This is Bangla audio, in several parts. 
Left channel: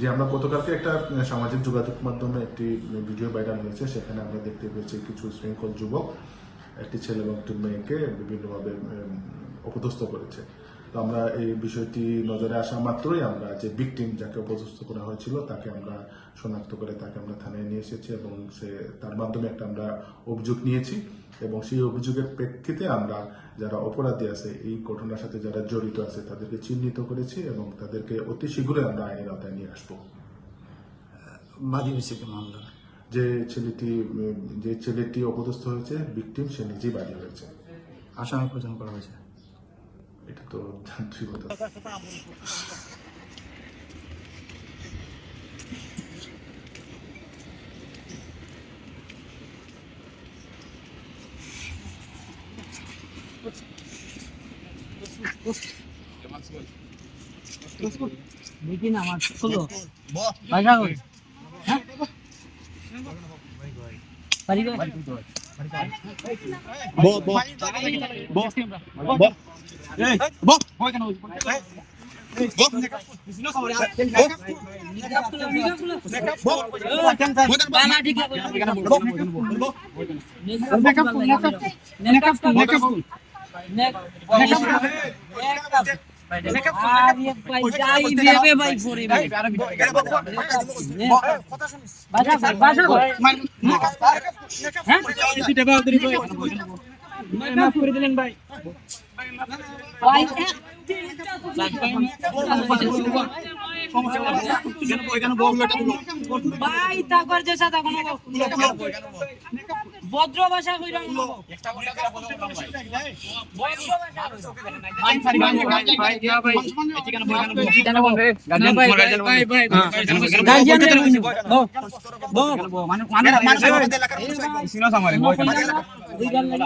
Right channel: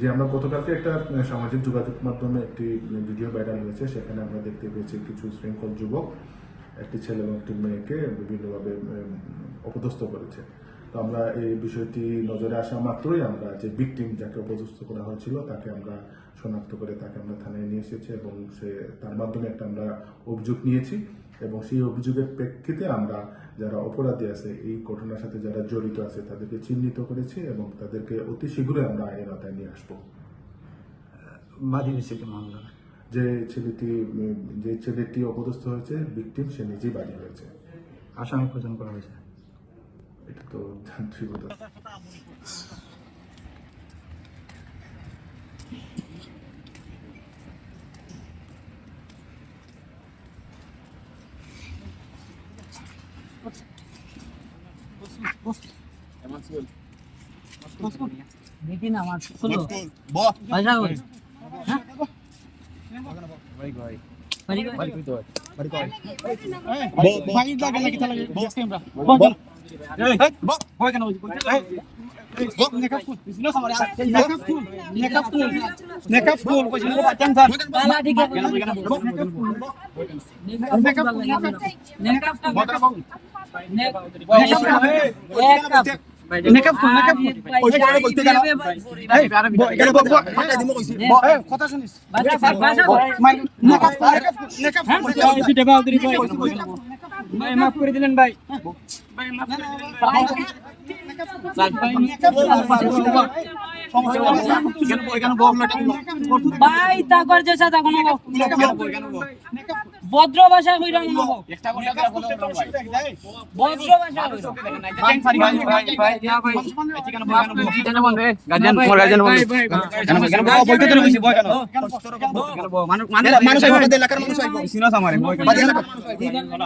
যে আমরা গতকালকে একটা সামাজিক যোগাযোগ মাধ্যমে একটি ভিডিও ভাইরাল হয়েছে, সেখানে আমরা দেখতে পেয়েছি কিছু শৃঙ্খল যুবক একটি ছেলে এবং একটি মেয়েকে বিভিন্নভাবে অপদস্থ করেছে। তো আমরা এই বিষয়টি নজরে আসা মাত্রই আমরা যে ভিকটিম যাকে অপদস্থ করা হয়েছিল তাকে আমরা শনাক্ত করে তাকে আমরা থানায় নিয়ে এসেছি এবং তার মাধ্যমে একটা আমরা অভিযোগ নিয়েছি এবং সেই অভিযোগের প্রেক্ষিতে আমরা যারা অপরাধী আছে এই ঘটনার সাথে যারা জড়িত আছে তাদেরকে চিহ্নিত করেছি এবং তাদেরকে অতি শীঘ্রই আমরা আইনের আওতায় নিয়ে আসবো। মামলা যে ছেলেটি অপদস্থ হয়েছে ভিকটিম সে নিজেই বাদী হয়েছে। আসামি প্রদান করা হয়েছে, এটা তো যান্ত্রিকতা। মাফ করে দিলেন ভাই। ভদ্র ভাষা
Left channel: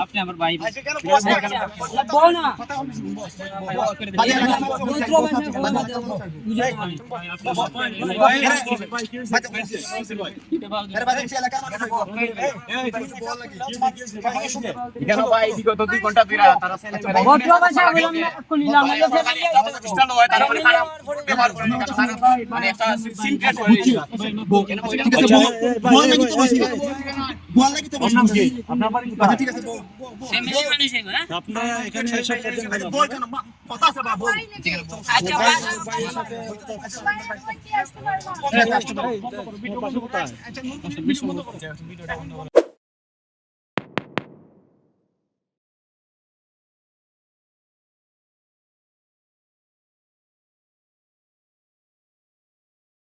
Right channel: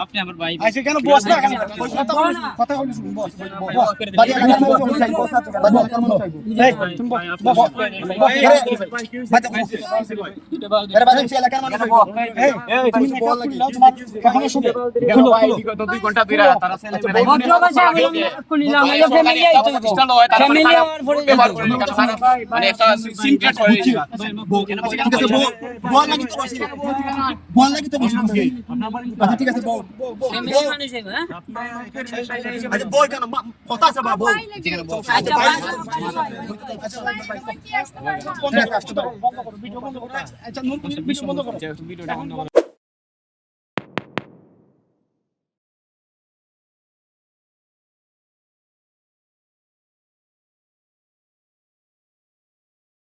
আপনি আমার ভাই ঠিক আছে